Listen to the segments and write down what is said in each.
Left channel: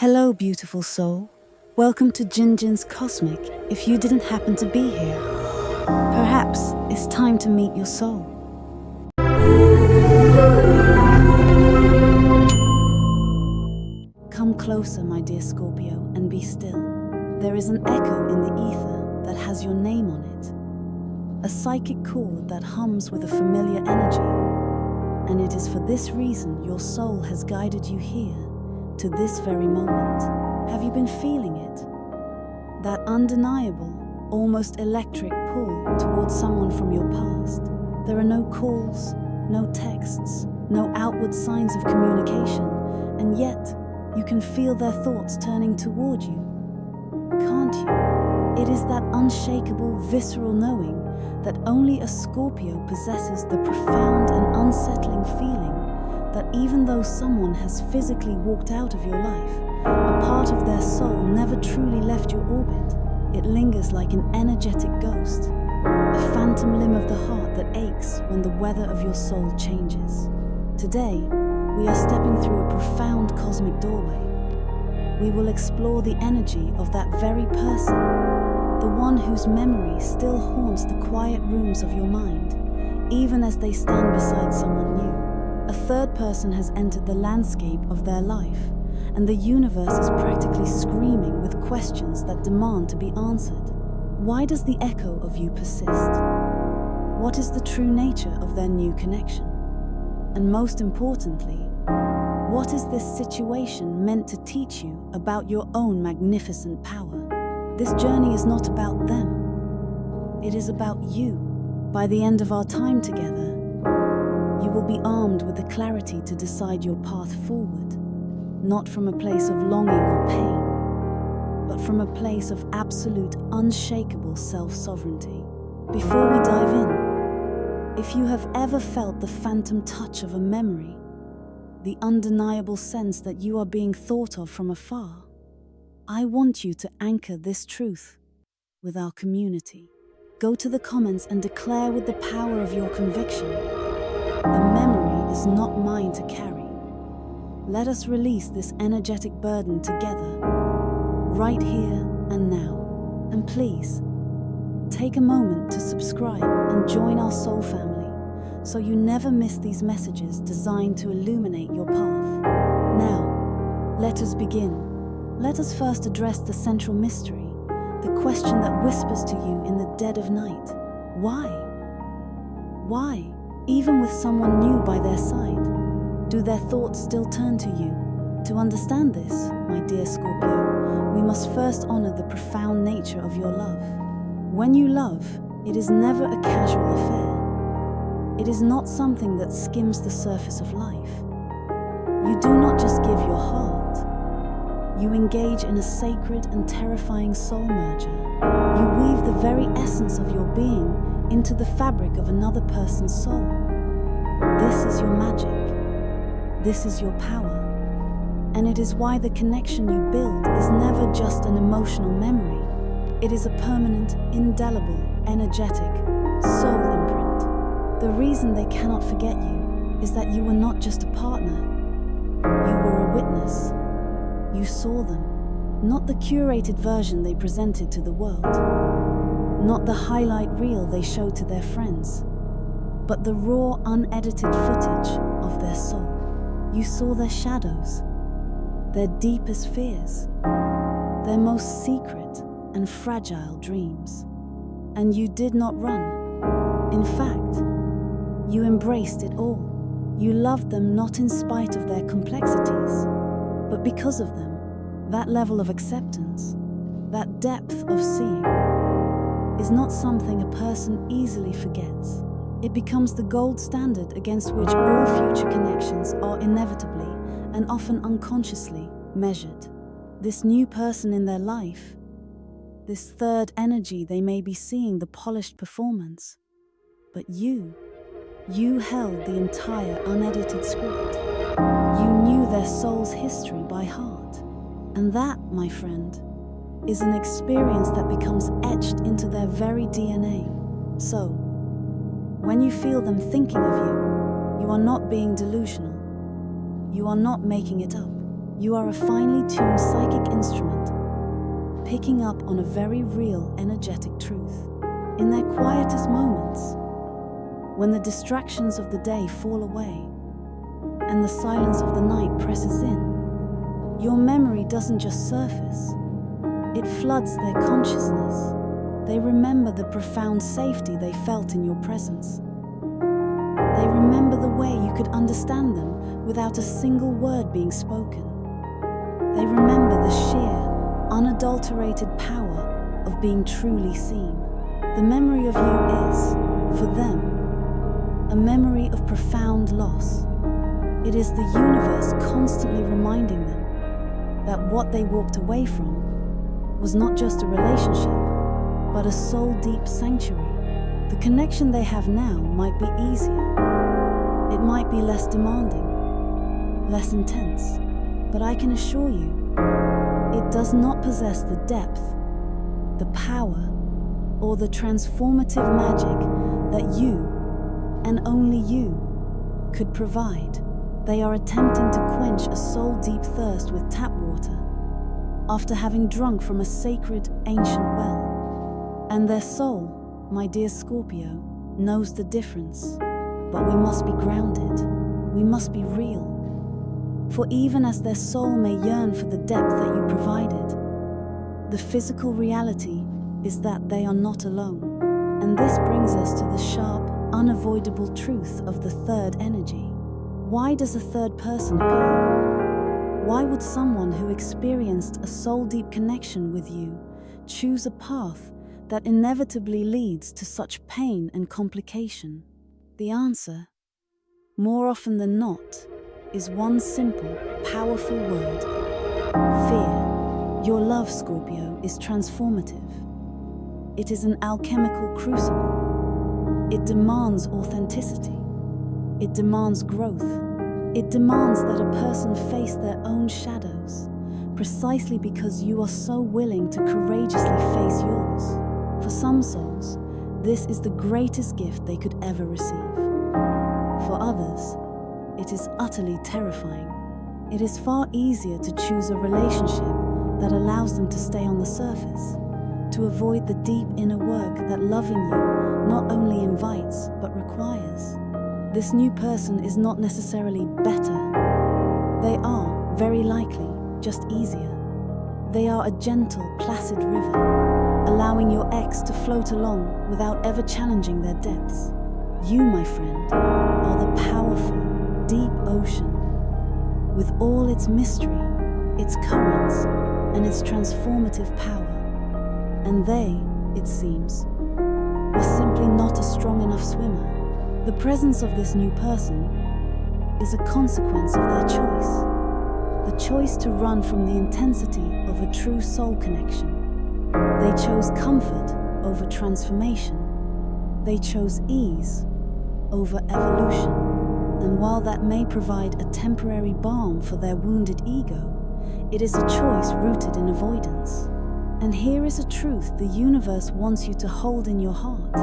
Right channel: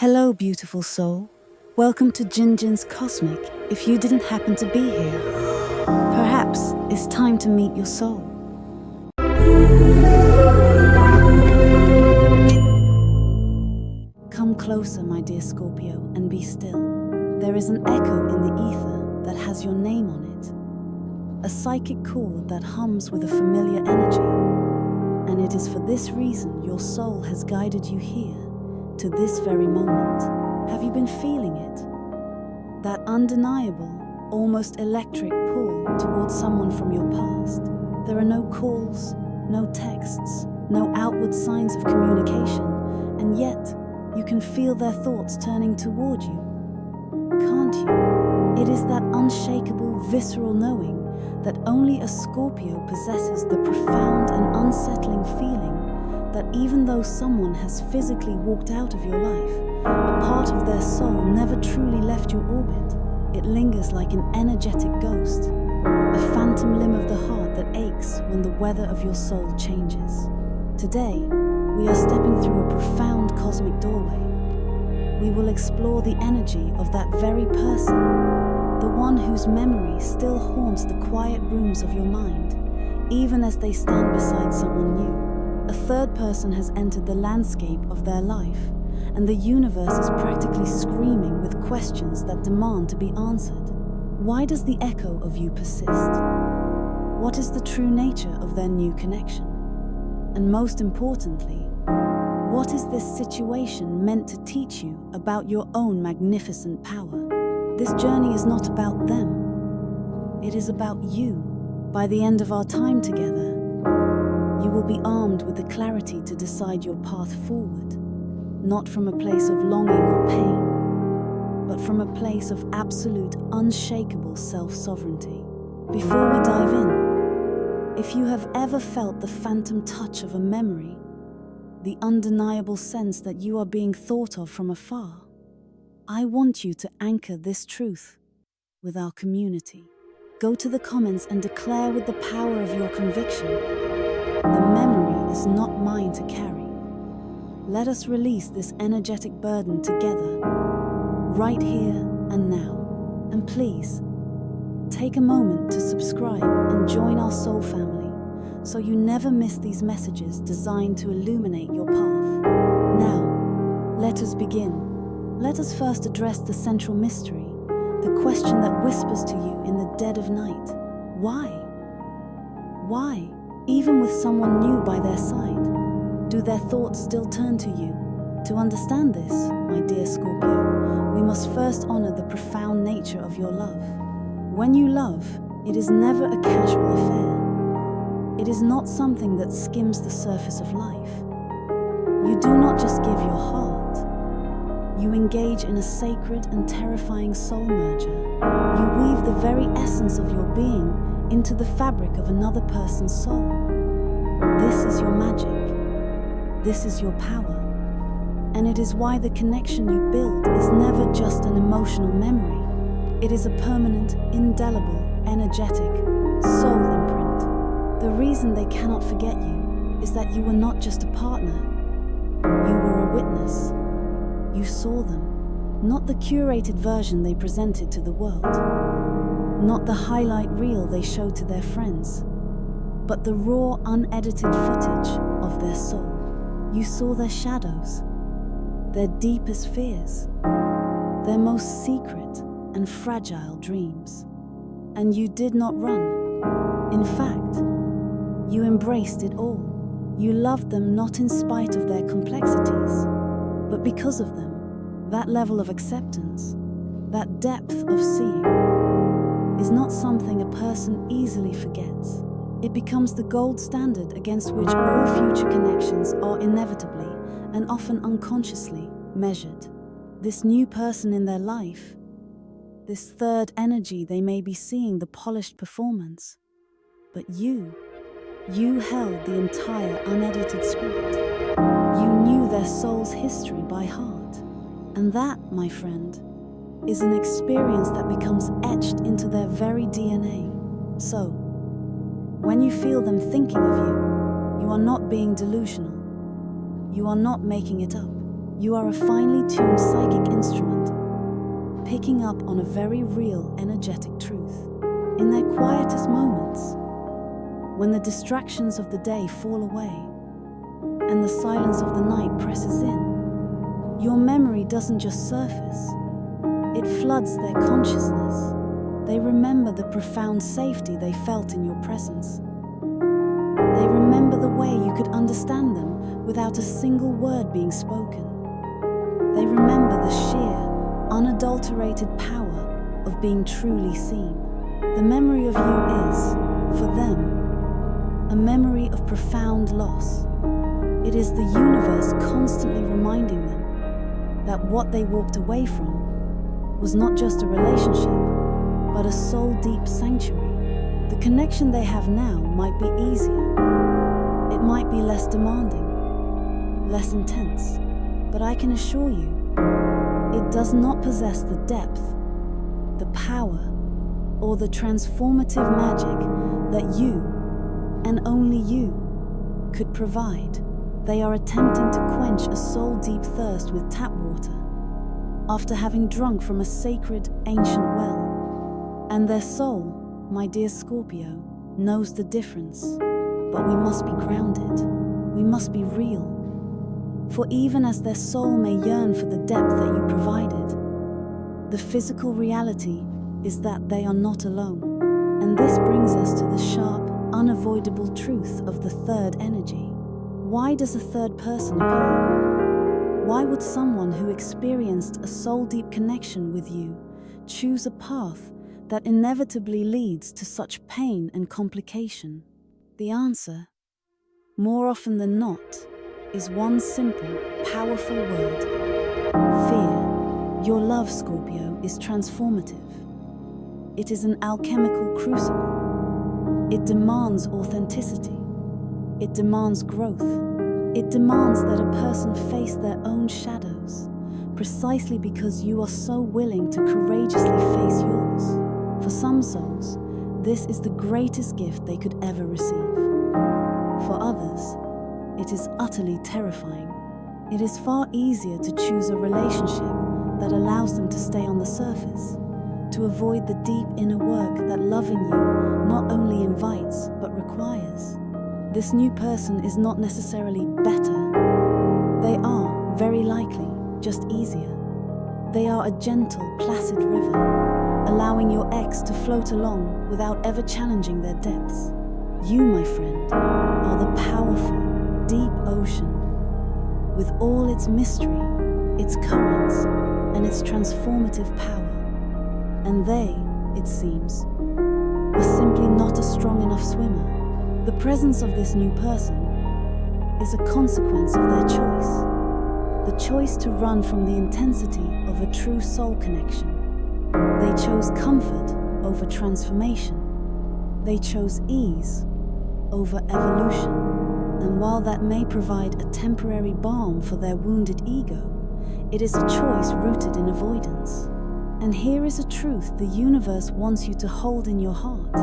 Hello, beautiful soul. Welcome to Jinjin's Cosmic. If you didn't happen to be here, perhaps it's time to meet your soul. Come closer, my dear Scorpio, and be still. There is an echo in the ether that has your name on it. A psychic chord that hums with a familiar energy. And it is for this reason your soul has guided you here, to this very moment. Have you been feeling it? That undeniable, almost electric pull towards someone from your past. There are no calls, no texts, no outward signs of communication, and yet you can feel their thoughts turning toward you. Can't you? It is that unshakable, visceral knowing that only a Scorpio possesses, the profound and unsettling feeling that even though someone has physically walked out of your life, a part of their soul never truly left your orbit. It lingers like an energetic ghost, a phantom limb of the heart that aches when the weather of your soul changes. Today, we are stepping through a profound cosmic doorway. We will explore the energy of that very person, the one whose memory still haunts the quiet rooms of your mind, even as they stand beside someone new. A third person has entered the landscape of their life, and the universe is practically screaming with questions that demand to be answered. Why does the echo of you persist? What is the true nature of their new connection? And most importantly, what is this situation meant to teach you about your own magnificent power? This journey is not about them. It is about you. By the end of our time together, you will be armed with the clarity to decide your path forward, not from a place of longing or pain, but from a place of absolute, unshakable self-sovereignty. Before we dive in, if you have ever felt the phantom touch of a memory, the undeniable sense that you are being thought of from afar, I want you to anchor this truth with our community. Go to the comments and declare with the power of your conviction, the memory is not mine to carry. Let us release this energetic burden together, right here and now. And please, take a moment to subscribe and join our soul family, so you never miss these messages designed to illuminate your path. Now, let us begin. Let us first address the central mystery, the question that whispers to you in the dead of night. Why? Why? Even with someone new by their side, do their thoughts still turn to you? To understand this, my dear Scorpio, we must first honor the profound nature of your love. When you love, it is never a casual affair. It is not something that skims the surface of life. You do not just give your heart. You engage in a sacred and terrifying soul merger. You weave the very essence of your being into the fabric of another person's soul. This is your magic. This is your power. And it is why the connection you build is never just an emotional memory. It is a permanent, indelible, energetic soul imprint. The reason they cannot forget you is that you were not just a partner. You were a witness. You saw them, not the curated version they presented to the world, not the highlight reel they showed to their friends, but the raw, unedited footage of their soul. You saw their shadows, their deepest fears, their most secret and fragile dreams. And you did not run. In fact, you embraced it all. You loved them not in spite of their complexities, but because of them. That level of acceptance, that depth of seeing, is not something a person easily forgets. It becomes the gold standard against which all future connections are inevitably and often unconsciously measured. This new person in their life, this third energy they may be seeing the polished performance, but you held the entire unedited script. You knew their soul's history by heart. And that, my friend, is an experience that becomes etched into their very DNA. So, when you feel them thinking of you, you are not being delusional. You are not making it up. You are a finely tuned psychic instrument, picking up on a very real, energetic truth. In their quietest moments, when the distractions of the day fall away and the silence of the night presses in, your memory doesn't just surface, it floods their consciousness. They remember the profound safety they felt in your presence. They remember the way you could understand them without a single word being spoken. They remember the sheer, unadulterated power of being truly seen. The memory of you is, for them, a memory of profound loss. It is the universe constantly reminding them that what they walked away from was not just a relationship, but a soul-deep sanctuary. The connection they have now might be easier. It might be less demanding, less intense, but I can assure you, it does not possess the depth, the power, or the transformative magic that you, and only you, could provide. They are attempting to quench a soul-deep thirst with tap water, after having drunk from a sacred, ancient well. And their soul, my dear Scorpio, knows the difference. But we must be grounded. We must be real. For even as their soul may yearn for the depth that you provided, the physical reality is that they are not alone. And this brings us to the sharp, unavoidable truth of the third energy. Why does a third person appear? Why would someone who experienced a soul-deep connection with you choose a path that inevitably leads to such pain and complication? The answer, more often than not, is one simple, powerful word: fear. Your love, Scorpio, is transformative. It is an alchemical crucible. It demands authenticity. It demands growth. It demands that a person face their own shadows, precisely because you are so willing to courageously face yours. For some souls, this is the greatest gift they could ever receive. For others, it is utterly terrifying. It is far easier to choose a relationship that allows them to stay on the surface, to avoid the deep inner work that loving you not only invites but requires. This new person is not necessarily better. They are, very likely, just easier. They are a gentle, placid river, allowing your ex to float along without ever challenging their depths. You, my friend, are the powerful, deep ocean, with all its mystery, its currents, and its transformative power. And they, it seems, were simply not a strong enough swimmer. The presence of this new person is a consequence of their choice. The choice to run from the intensity of a true soul connection. They chose comfort over transformation. They chose ease over evolution. And while that may provide a temporary balm for their wounded ego, it is a choice rooted in avoidance. And here is a truth the universe wants you to hold in your heart.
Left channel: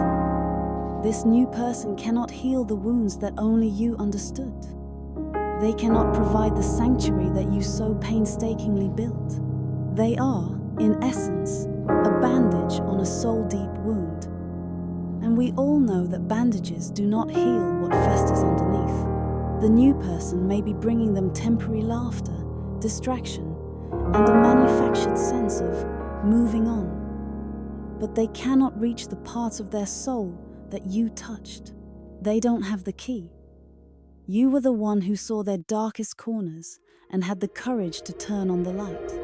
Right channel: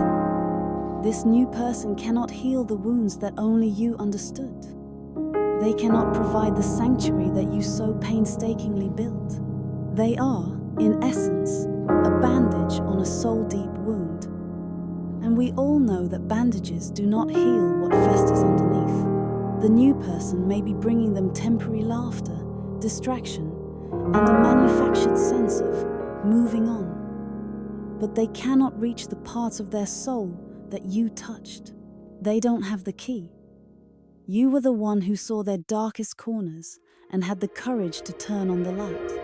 This new person cannot heal the wounds that only you understood. They cannot provide the sanctuary that you so painstakingly built. They are, in essence, a bandage on a soul-deep wound. And we all know that bandages do not heal what festers underneath. The new person may be bringing them temporary laughter, distraction, and a manufactured sense of moving on. But they cannot reach the parts of their soul that you touched. They don't have the key. You were the one who saw their darkest corners and had the courage to turn on the light.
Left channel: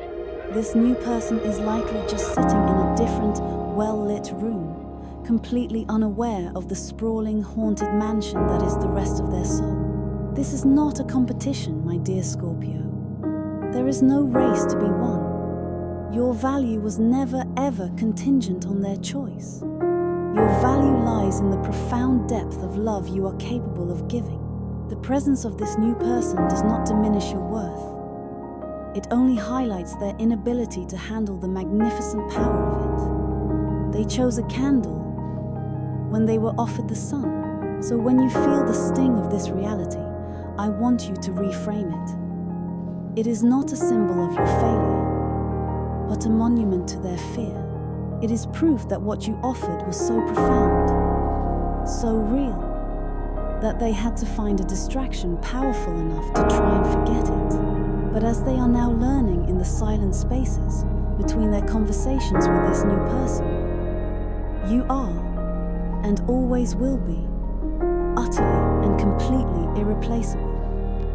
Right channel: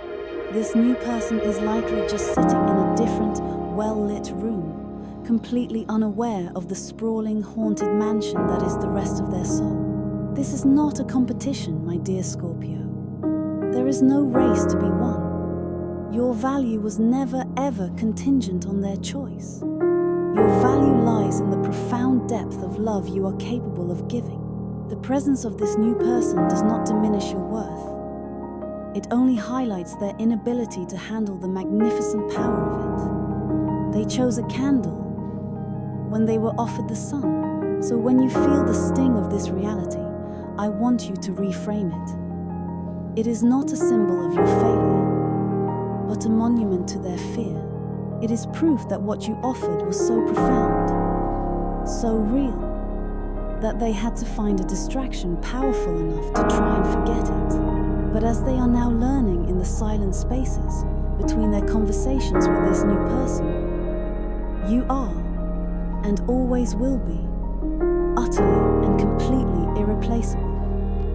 This new person is likely just sitting in a different, well-lit room, completely unaware of the sprawling, haunted mansion that is the rest of their soul. This is not a competition, my dear Scorpio. There is no race to be won. Your value was never ever contingent on their choice. Your value lies in the profound depth of love you are capable of giving. The presence of this new person does not diminish your worth. It only highlights their inability to handle the magnificent power of it. They chose a candle when they were offered the sun. So when you feel the sting of this reality, I want you to reframe it. It is not a symbol of your failure, but a monument to their fear. It is proof that what you offered was so profound, so real, that they had to find a distraction powerful enough to try and forget it. But as they are now learning in the silent spaces between their conversations with this new person, you are, and always will be, utterly and completely irreplaceable.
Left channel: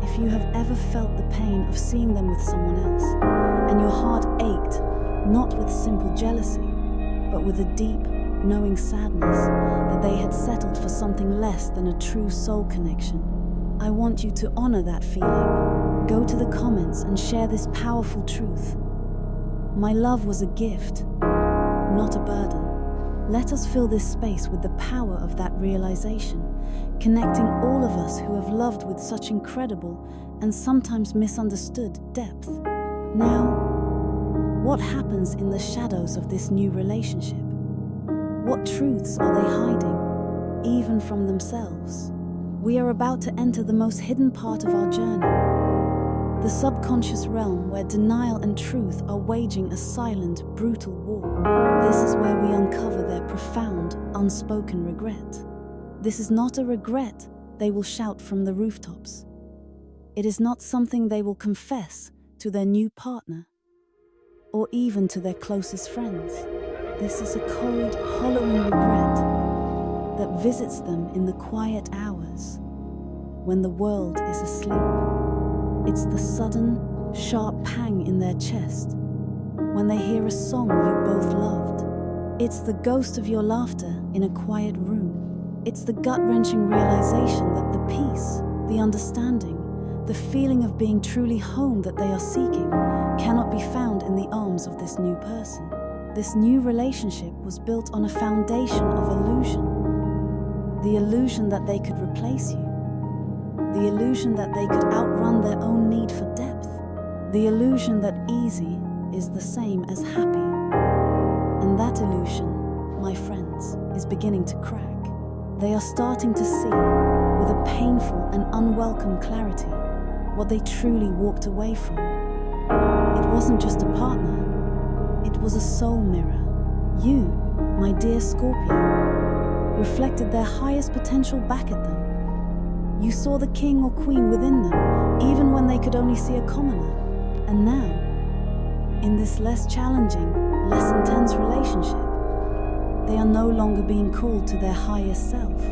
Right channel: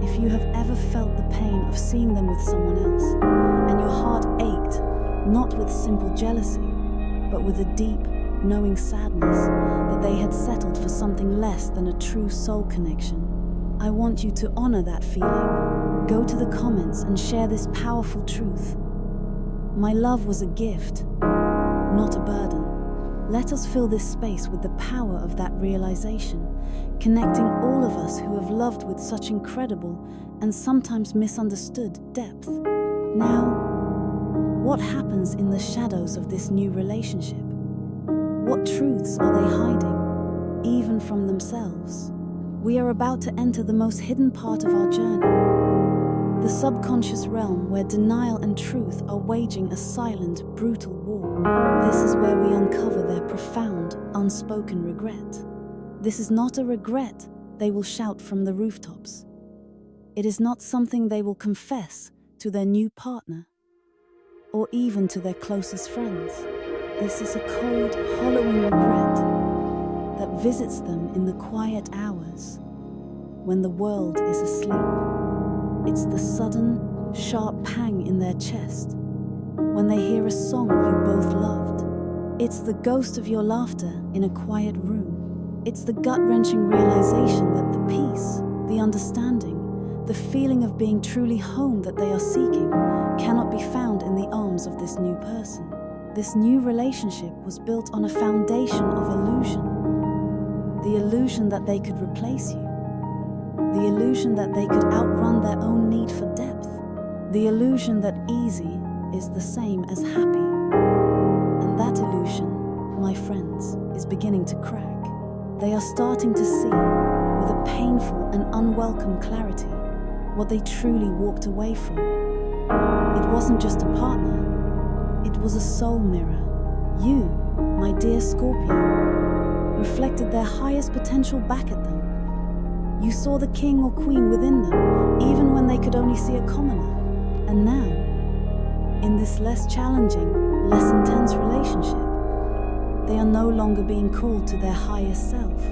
If you have ever felt the pain of seeing them with someone else, and your heart ached, not with simple jealousy, but with a deep, knowing sadness that they had settled for something less than a true soul connection, I want you to honor that feeling. Go to the comments and share this powerful truth. My love was a gift, not a burden. Let us fill this space with the power of that realization, connecting all of us who have loved with such incredible and sometimes misunderstood depth. Now, what happens in the shadows of this new relationship? What truths are they hiding, even from themselves? We are about to enter the most hidden part of our journey, the subconscious realm where denial and truth are waging a silent, brutal war. This is where we uncover their profound, unspoken regret. This is not a regret they will shout from the rooftops. It is not something they will confess to their new partner, or even to their closest friends. This is a cold, hollowing regret that visits them in the quiet hours when the world is asleep. It's the sudden, sharp pang in their chest when they hear a song you both loved. It's the ghost of your laughter in a quiet room. It's the gut-wrenching realization that the peace, the understanding, the feeling of being truly home that they are seeking cannot be found in the arms of this new person. This new relationship was built on a foundation of illusion. The illusion that they could replace you. The illusion that they could outrun their own need for depth. The illusion that easy is the same as happy. And that illusion, my friends, is beginning to crack. They are starting to see, with a painful and unwelcome clarity, what they truly walked away from. It wasn't just a partner, it was a soul mirror. You, my dear Scorpio, reflected their highest potential back at them. You saw the king or queen within them, even when they could only see a commoner. And now, in this less challenging, less intense relationship, they are no longer being called to their highest self,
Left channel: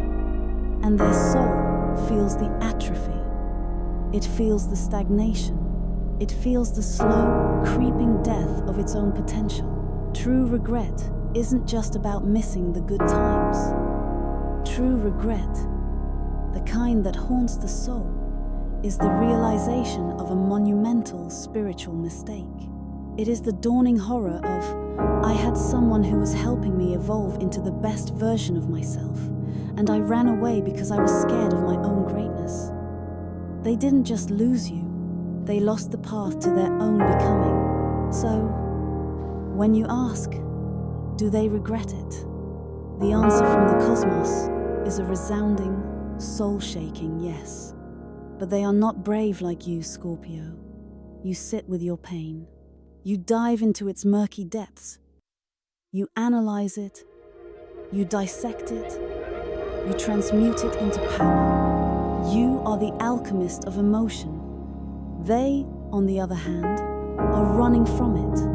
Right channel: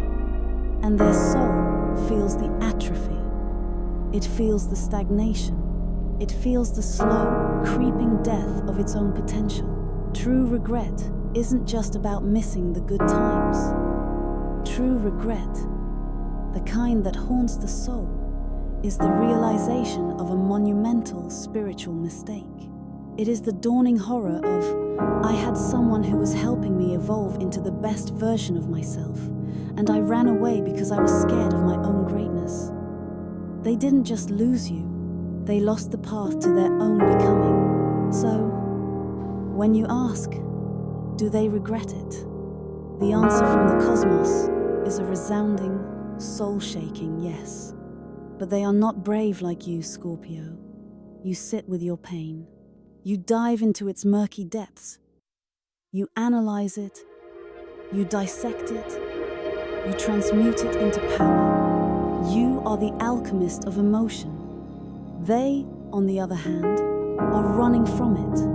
and their soul feels the atrophy. It feels the stagnation. It feels the slow, creeping death of its own potential. True regret isn't just about missing the good times. True regret, the kind that haunts the soul, is the realization of a monumental spiritual mistake. It is the dawning horror of, I had someone who was helping me evolve into the best version of myself, and I ran away because I was scared of my own greatness. They didn't just lose you, they lost the path to their own becoming. So, when you ask, do they regret it? The answer from the cosmos is a resounding, soul-shaking yes. But they are not brave like you, Scorpio. You sit with your pain. You dive into its murky depths. You analyze it. You dissect it. You transmute it into power. You are the alchemist of emotion. They, on the other hand, are running from it.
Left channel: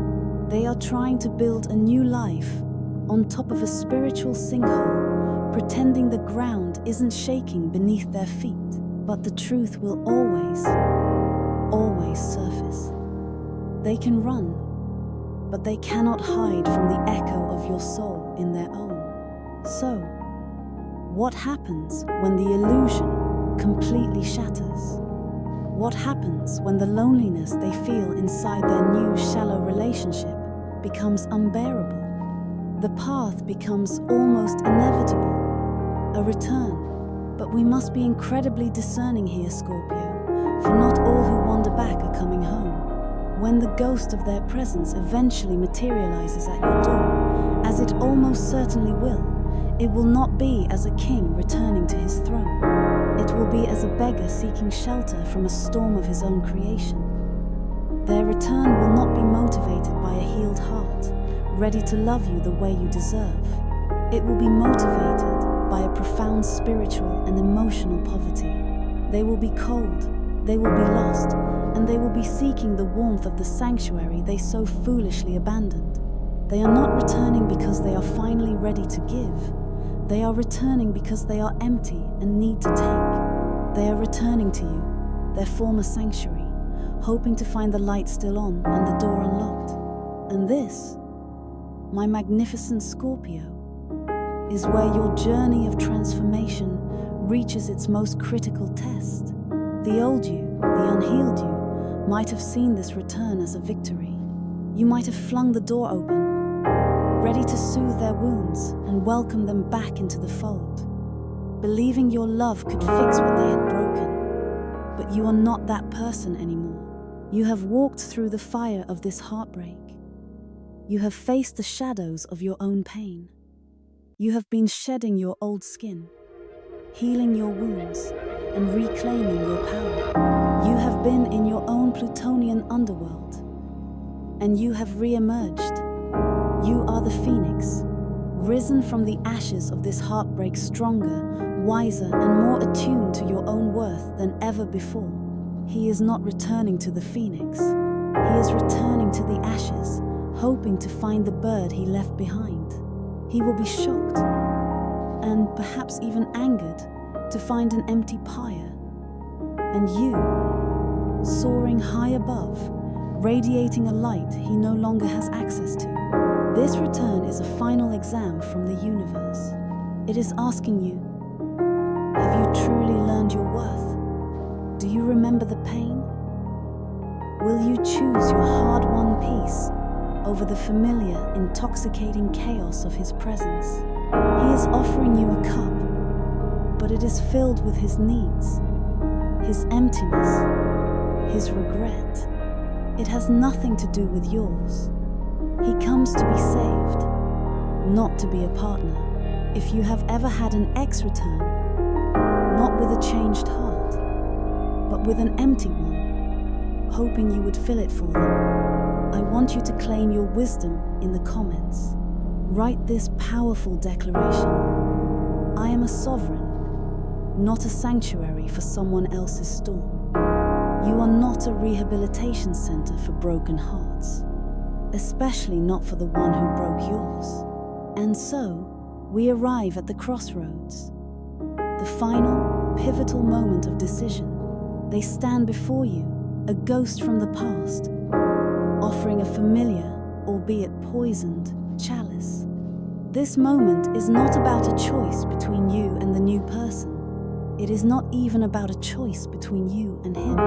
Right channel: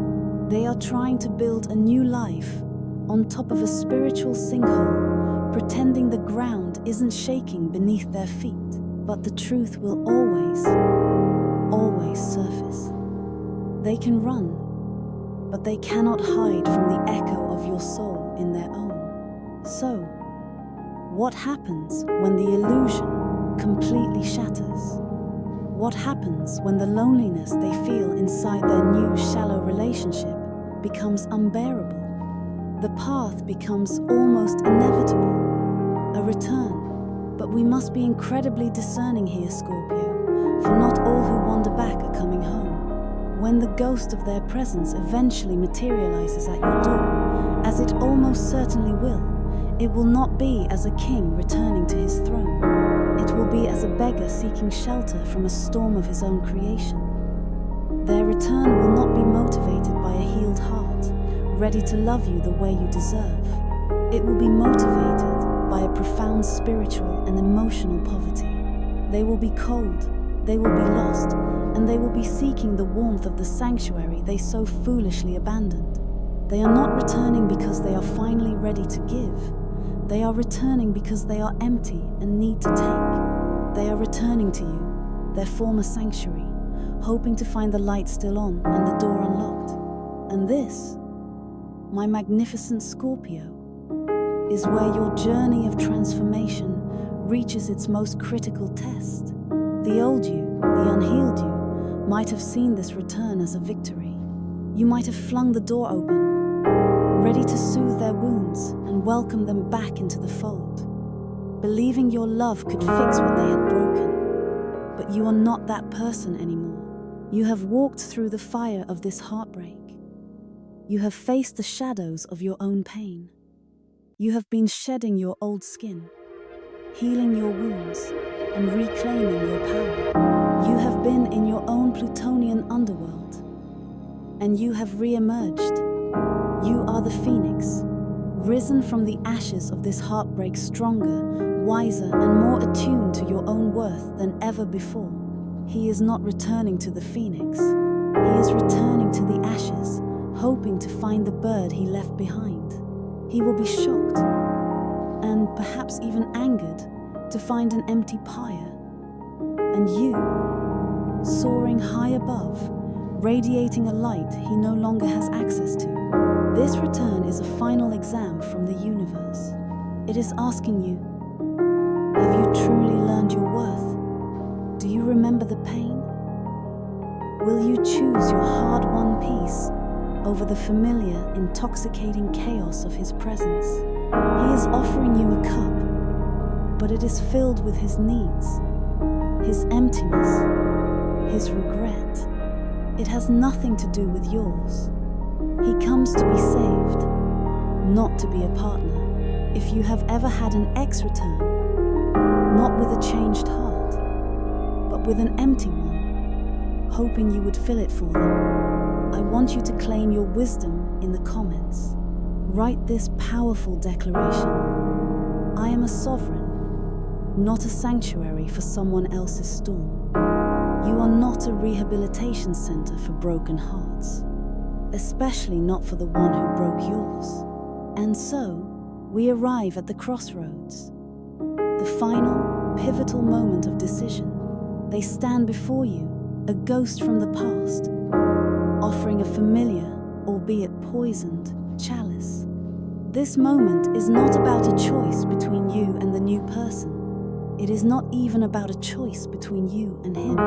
They are trying to build a new life on top of a spiritual sinkhole, pretending the ground isn't shaking beneath their feet. But the truth will always surface. They can run, but they cannot hide from the echo of your soul in their own. So, what happens when the illusion completely shatters? What happens when the loneliness they feel inside their new shallow relationship becomes unbearable? The path becomes almost inevitable, a return. But we must be incredibly discerning here, Scorpio, for not all who wander back are coming home. When the ghost of their presence eventually materializes at your door, as it almost certainly will, it will not be as a king returning to his throne. It will be as a beggar seeking shelter from a storm of his own creation. Their return will not be motivated by a healed heart, ready to love you the way you deserve. It will be motivated by a profound spiritual and emotional poverty. They will be cold, they will be lost, and they will be seeking the warmth of the sanctuary they so foolishly abandoned. They are not returning because they are finally ready to give. They are returning because they are empty and need to take. They are returning to you, their former sanctuary, hoping to find the light still on and the door unlocked. And this, my magnificent Scorpio, is where your journey of transformation reaches its most critical test. The old you, the unhealed you, might have seen this return as a victory. You might have flung the door open, ready to soothe their wounds and welcome them back into the fold, believing your love could fix what they had broken. But you are not that person anymore. You have walked through the fire of this heartbreak. You have faced the shadows of your own pain. You have been shedding your old skin, healing your wounds, and reclaiming your power. You have been in your own Plutonian underworld, and you have re-emerged. You are the phoenix, risen from the ashes of this heartbreak stronger, wiser, and more attuned to your own worth than ever before. He is not returning to the phoenix. He is returning to the ashes, hoping to find the bird he left behind. He will be shocked, and perhaps even angered, to find an empty pyre. And you, soaring high above, radiating a light he no longer has access to. This return is a final exam from the universe. It is asking you, have you truly learned your worth? Do you remember the pain? Will you choose your hard-won peace over the familiar, intoxicating chaos of his presence? He is offering you a cup, but it is filled with his needs, his emptiness, his regret. It has nothing to do with yours. He comes to be saved, not to be a partner. If you have ever had an ex return, not with a changed heart, but with an empty one, hoping you would fill it for them, I want you to claim your wisdom in the comments. Write this powerful declaration: I am a sovereign, not a sanctuary for someone else's storm. You are not a rehabilitation center for broken hearts, especially not for the one who broke yours. And so, we arrive at the crossroads, the final, pivotal moment of decision. They stand before you, a ghost from the past, offering a familiar, albeit poisoned, chalice. This moment is not about a choice between you and the new person. It is not even about a choice between you and him.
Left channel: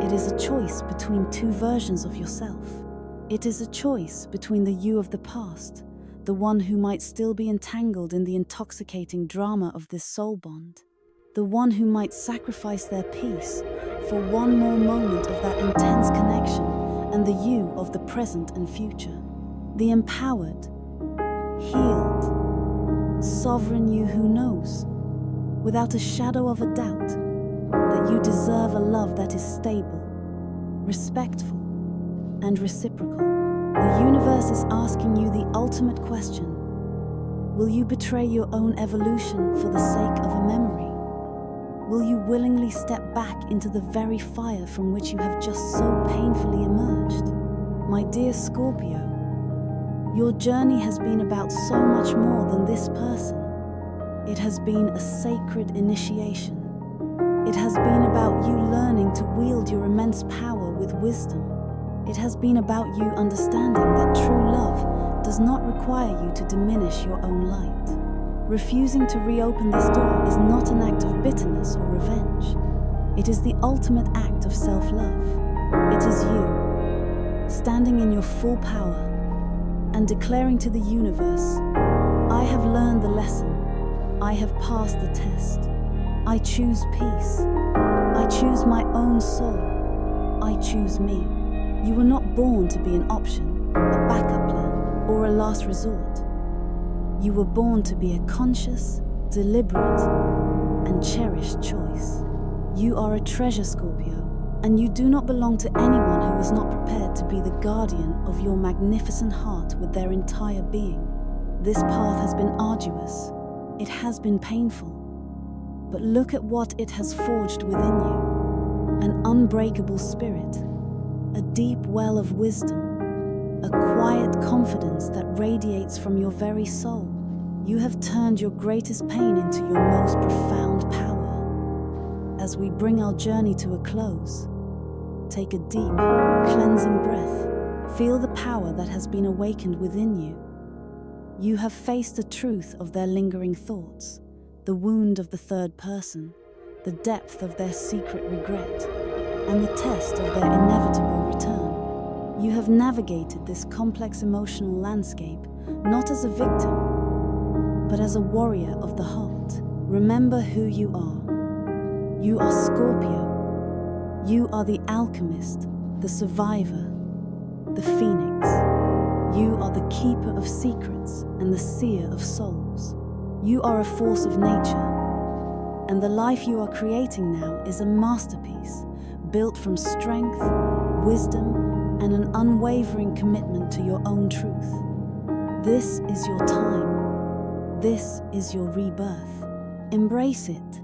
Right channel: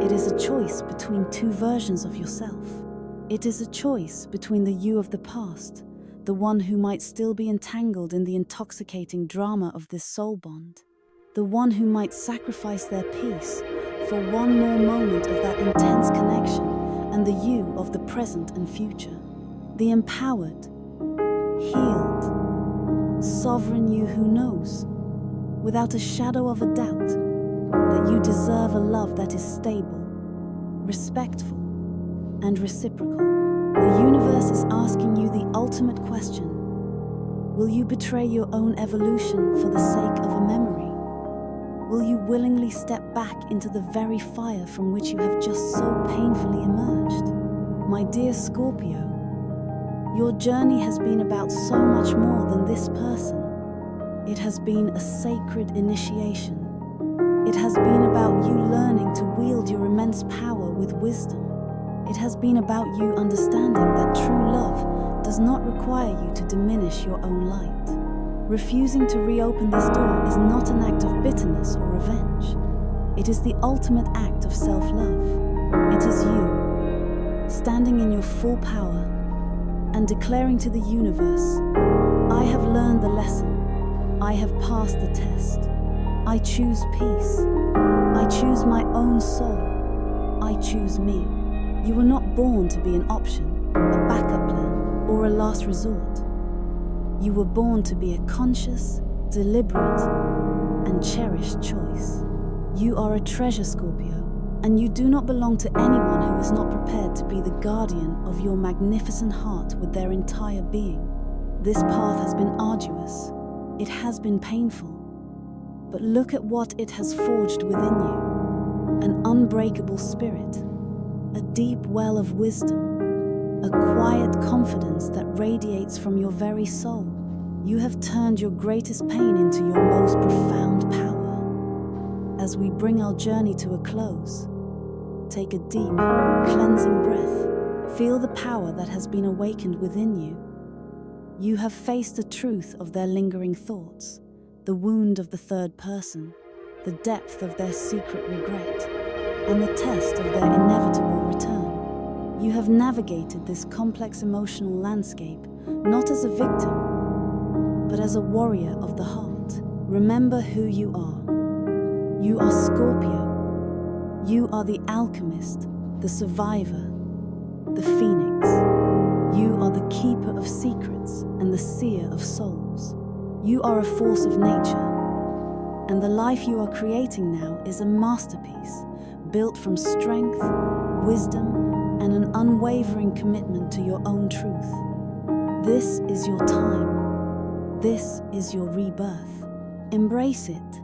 It is a choice between two versions of yourself. It is a choice between the you of the past, the one who might still be entangled in the intoxicating drama of this soul bond, the one who might sacrifice their peace for one more moment of that intense connection, and the you of the present and future, the empowered, healed, sovereign you who knows, without a shadow of a doubt, that you deserve a love that is stable, respectful, and reciprocal. The universe is asking you the ultimate question: will you betray your own evolution for the sake of a memory? Will you willingly step back into the very fire from which you have just so painfully emerged? My dear Scorpio, your journey has been about so much more than this person. It has been a sacred initiation. It has been about you learning to wield your immense power with wisdom. It has been about you understanding that true love does not require you to diminish your own light. Refusing to reopen this door is not an act of bitterness or revenge. It is the ultimate act of self-love. It is you, standing in your full power and declaring to the universe, I have learned the lesson. I have passed the test. I choose peace. I choose my own soul. I choose me. You were not born to be an option, a backup plan, or a last resort. You were born to be a conscious, deliberate, and cherished choice. You are a treasure, Scorpio, and you do not belong to anyone who is not prepared to be the guardian of your magnificent heart with their entire being. This path has been arduous. It has been painful. But look at what it has forged within you. An unbreakable spirit, a deep well of wisdom, a quiet confidence that radiates from your very soul. You have turned your greatest pain into your most profound power. As we bring our journey to a close, take a deep, cleansing breath. Feel the power that has been awakened within you. You have faced the truth of their lingering thoughts, the wound of the third person, the depth of their secret regret, and the test of their inevitable return. You have navigated this complex emotional landscape not as a victim, but as a warrior of the heart. Remember who you are. You are Scorpio. You are the alchemist, the survivor, the phoenix. You are the keeper of secrets and the seer of souls. You are a force of nature, and the life you are creating now is a masterpiece, built from strength, wisdom, and an unwavering commitment to your own truth. This is your time. This is your rebirth. Embrace it.